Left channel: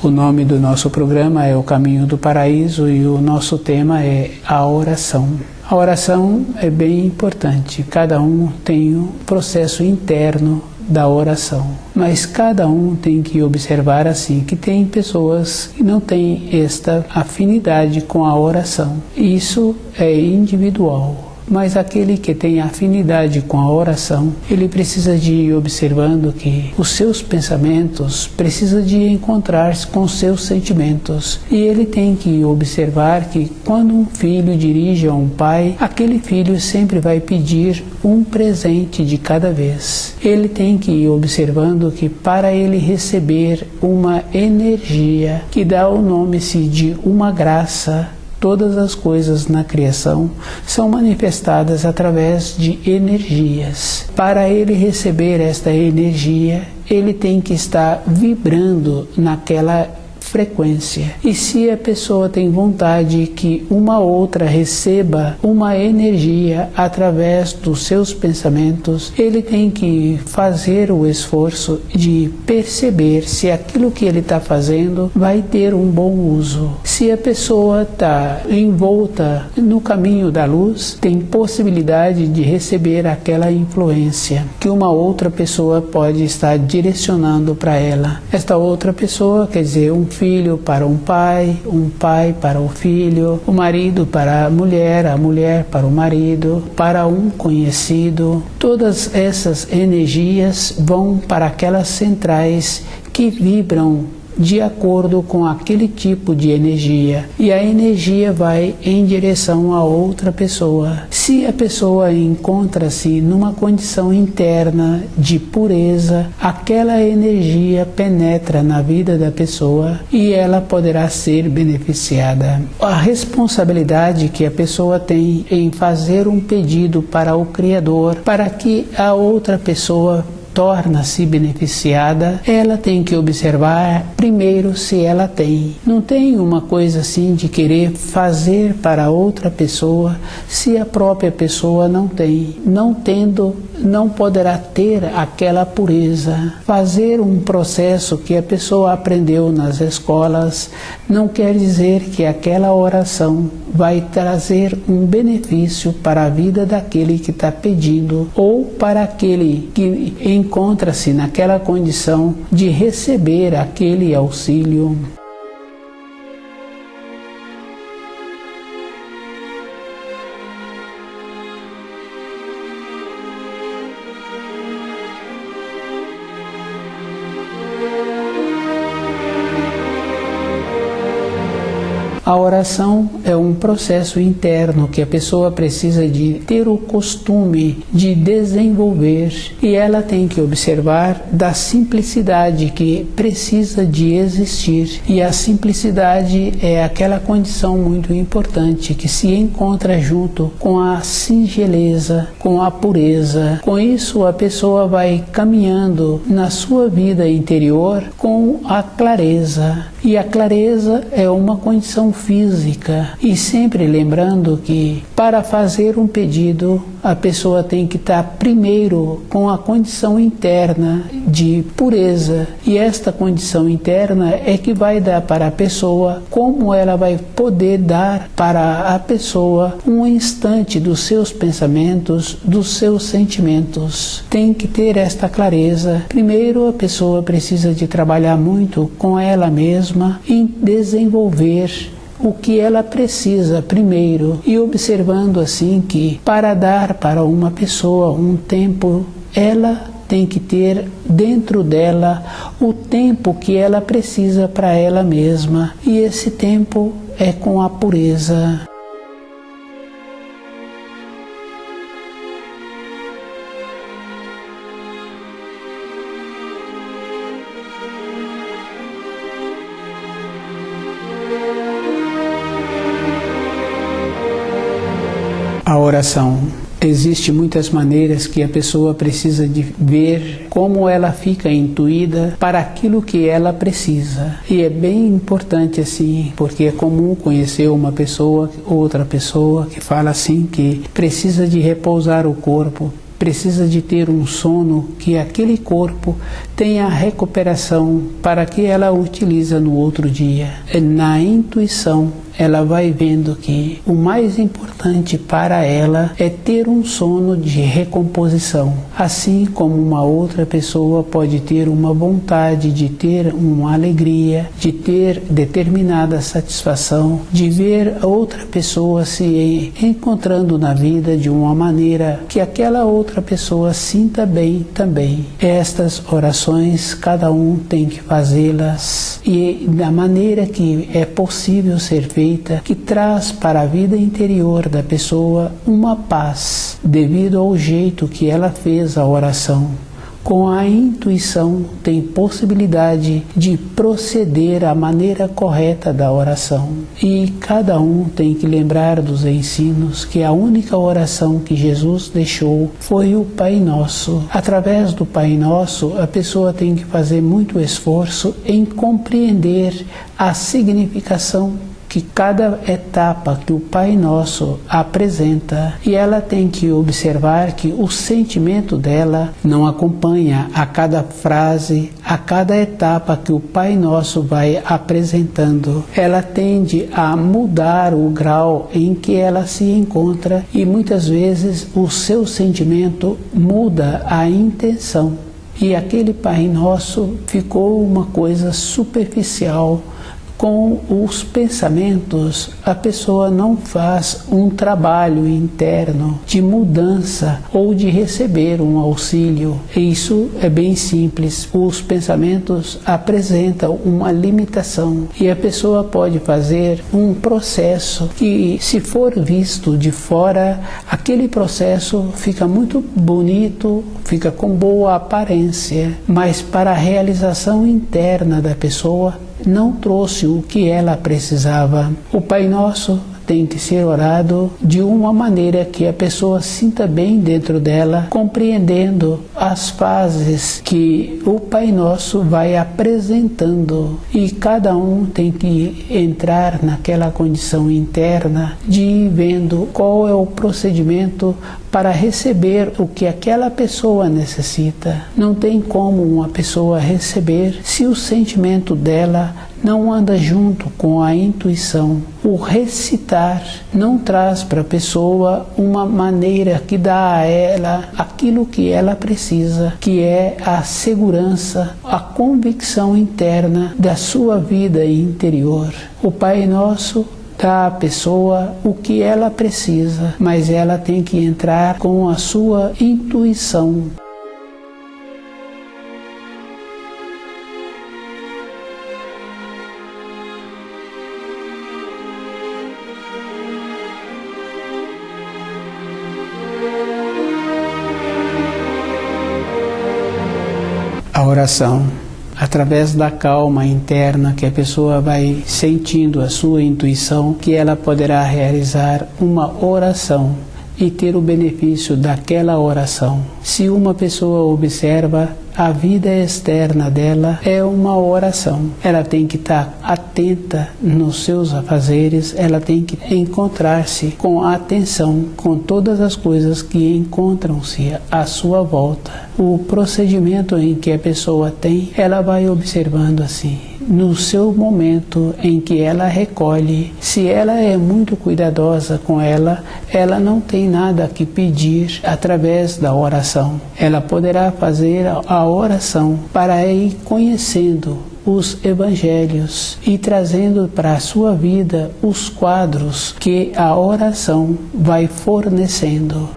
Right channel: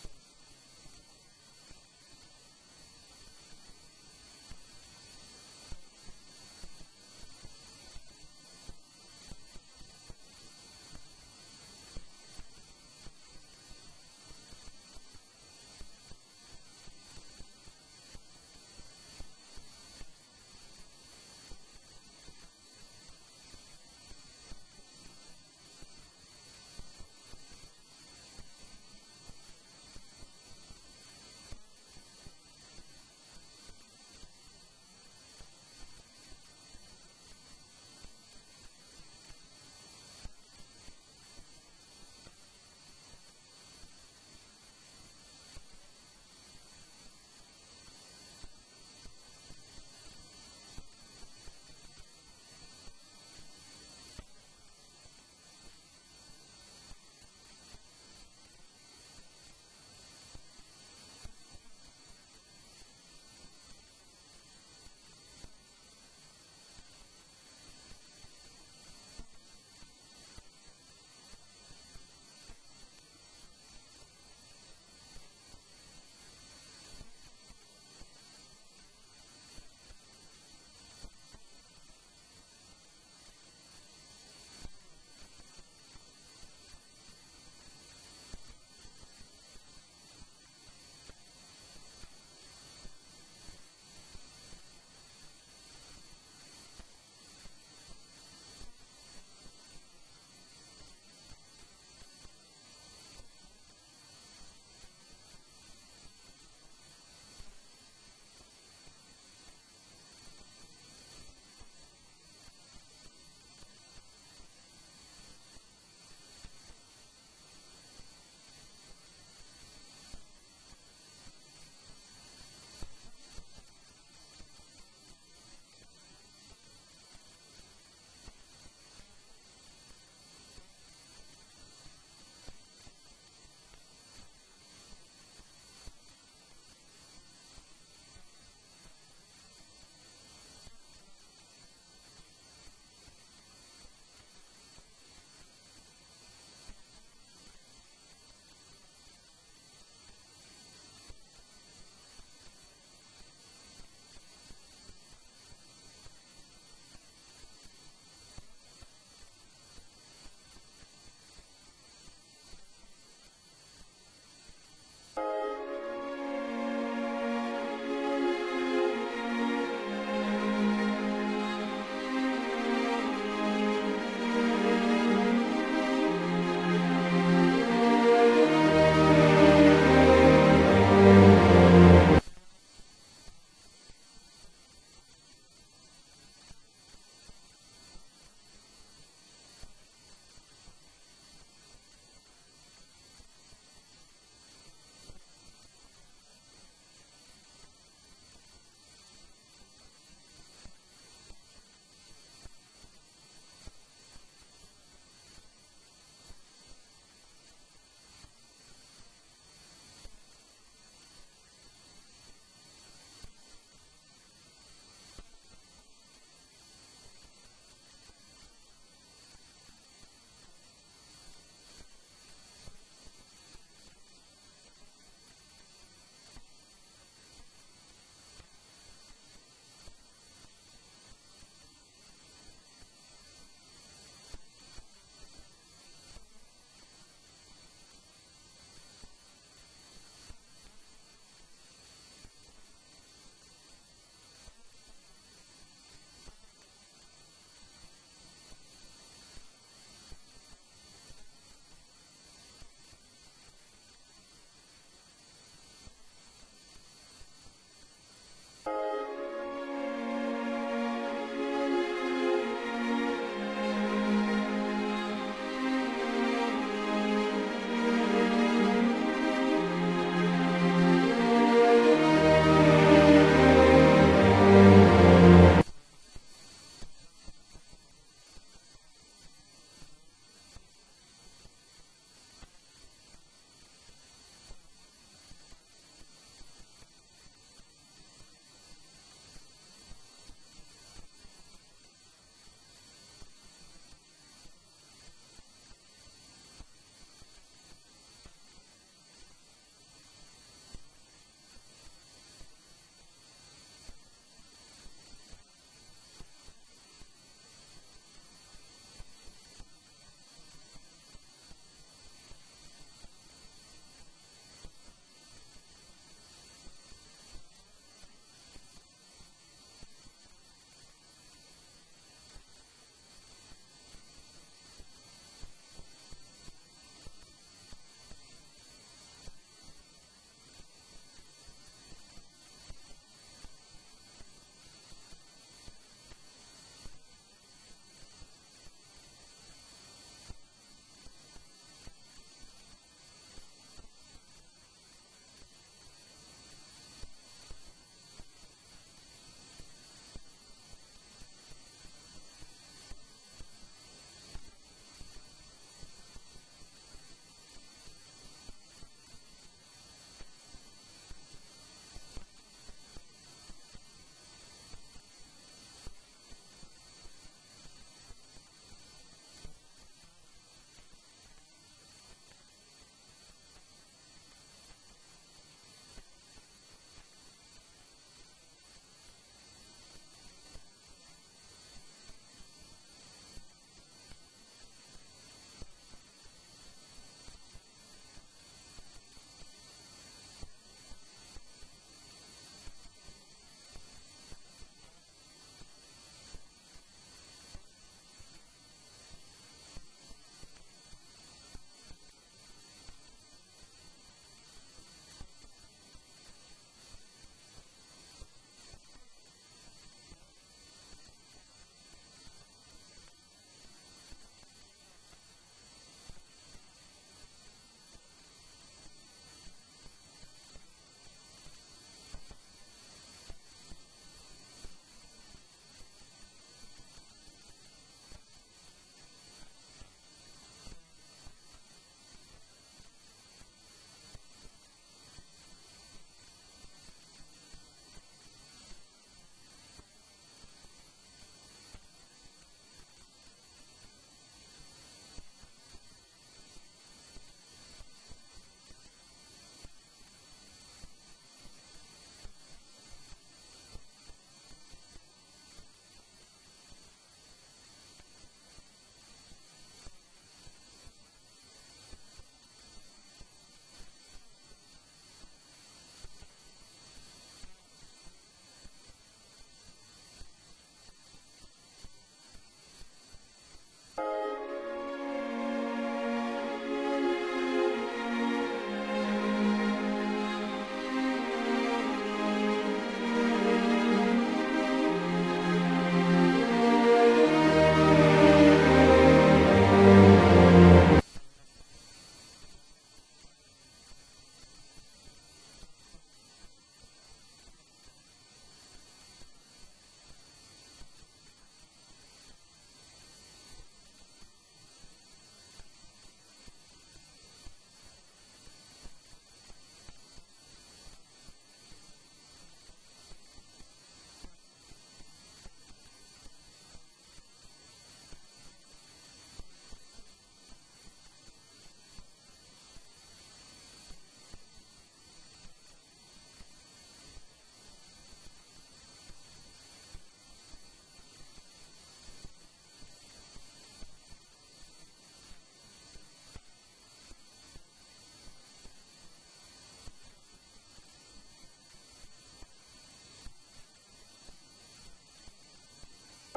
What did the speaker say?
O nome do nosso programa é O Caminho do Paraíso e o nosso tema é a oração. A oração é bem importante, cada um tem um processo interno da oração, mas cada um tem que observar assim que tem pessoas que não têm esta afinidade com a oração. Isso é individual. Mas aquele que tem afinidade com a oração, ele precisa de ir observando que os seus pensamentos precisam de encontrar-se com os seus sentimentos. E ele tem que observar que quando um filho dirige a um pai, aquele filho sempre vai pedir um presente de cada vez. Ele tem que ir observando que para ele receber uma energia que dá o nome-se de uma graça, todas as coisas na criação são manifestadas através de energias. Para ele receber esta energia, ele tem que estar vibrando naquela frequência. E se a pessoa tem vontade que uma outra receba uma energia através dos seus pensamentos, ele tem que fazer o esforço de perceber se aquilo que ele está fazendo vai ter um bom uso. Se a pessoa está envolta no caminho da luz, tem possibilidade de receber aquela influência que uma outra pessoa pode estar direcionando para ela. Esta outra pessoa, quer dizer, um filho para um pai para o filho, o marido para a mulher para o marido, para um conhecido. Todas essas energias vão para aquelas centrais que vibram de acordo com aquele tipo de energia, e a energia vai em direção a outra pessoa. Se a pessoa encontra-se numa condição interna de pureza, aquela energia penetra na vida da pessoa e ela poderá ser beneficiada. A responsabilidade que a pessoa tem em fazer um pedido para o Criador, para que a outra pessoa torna-se beneficiada, ela tem que observar primeiro se ela tem. Não tem uma coisa assim de querer fazer para outra pessoa se a própria pessoa não tem. Não tendo, não poderá ter aquela pureza. Fazer um processo que a pessoa aprendeu nas escolas não quer dizer que aquela oração vai trazer um benefício para a vida daquele que está pedindo ou para aquele que encontra-se naquela condição de receber aquele auxílio. A oração é um processo interno que a pessoa precisa de ter o costume de desenvolver, e ela tem que observar da simplicidade que precisa de existir. E a simplicidade é aquela condição muito importante que se encontra junto com a singeleza, com a pureza. Com isso a pessoa vai caminhando na sua vida interior com a clareza. E a clareza é uma condição física, e sempre lembrando que para fazer um pedido a pessoa tem que estar primeiro com a condição interna de pureza, e esta condição interna é que vai dar para a pessoa como ela vai poder dar para a pessoa um instante dos seus pensamentos, dos seus sentimentos. Tem que ter esta clareza. Primeiro a pessoa precisa de trabalhar muito com ela mesma em desenvolver o que ela precisa primeiro, e observando assim que para dar para uma pessoa um tempo, ela tem que ter dentro dela o tempo que ela precisa para ela mesma, e esse tempo é com a pureza. A oração Existem muitas maneiras que a pessoa precisa de ver como ela fica intuída para aquilo que ela precisa. E é bem importante assim, porque é comum conhecer uma pessoa, outra pessoa que fala assim que precisa de repousar o corpo, precisa de ter um sono que aquele corpo tenha a recuperação para que ela utiliza no outro dia. Na intuição, ela vai vendo que o mais importante para ela é ter um sono de recomposição. Assim como uma outra pessoa pode ter uma vontade de ter uma alegria, de ter determinada satisfação, de ver outra pessoa se encontrando na vida de uma maneira que aquela outra pessoa sinta bem também. Estas orações, cada um tem que fazê-las e da maneira que é possível ser feita, que traz para a vida interior da pessoa uma paz, devido ao jeito que ela fez a oração. Com a intuição, tem possibilidade de proceder à maneira correta da oração. E cada um tem que lembrar dos ensinos que a única oração que Jesus deixou foi o Pai Nosso. Através do Pai Nosso, a pessoa tem que fazer muito esforço em compreender a significação que cada etapa que o Pai Nosso apresenta, e ela tem que observar que o sentimento dela não acompanha a cada frase, a cada etapa que o Pai Nosso vai apresentando. Ela tende a mudar o grau em que ela se encontra e muitas vezes o seu sentimento muda a intenção. E aquele Pai Nosso ficou uma coisa superficial. Com os pensamentos, a pessoa não faz um trabalho interno de mudança ou de receber um auxílio. Isso é bem simples. Os pensamentos apresentam uma limitação e a pessoa pode fazer um processo que, se for visto de fora, aquele processo fica muito bonito, fica com boa aparência, mas para a realização interna da pessoa, não trouxe o que ela precisava. O Pai Nosso tem que ser orado de uma maneira que a pessoa sinta bem dentro dela, compreendendo as fases que o Pai Nosso vai apresentando. E cada um tem que entrar naquela condição interna de ir vendo qual é o procedimento para receber o que aquela pessoa necessita. Não tem como uma pessoa receber se o sentimento dela não anda junto com a intuição. O recitar não traz para a pessoa uma maneira que dá a ela aquilo que ela precisa, que é a segurança, a convicção interna da sua vida interior. O Pai Nosso dá à pessoa o que ela precisa, mas ela tem que entrar com a sua intuição. A oração, através da calma interna que a pessoa vai sentindo a sua intuição, que ela poderá realizar uma oração e ter o benefício daquela oração. Se uma pessoa observa, a vida externa dela é uma oração. Ela tem que estar atenta nos seus afazeres, ela tem que encontrar-se com atenção com todas as coisas que encontram-se à sua volta. O procedimento em que a pessoa tem, ela vai observando assim. No seu momento em que ela recolhe, se ela é muito cuidadosa com ela, ela não tem nada que pedir através da oração. Ela poderá fazer a oração para ir conhecendo os evangelhos e trazendo para a sua vida os quadros que a oração vai fornecendo.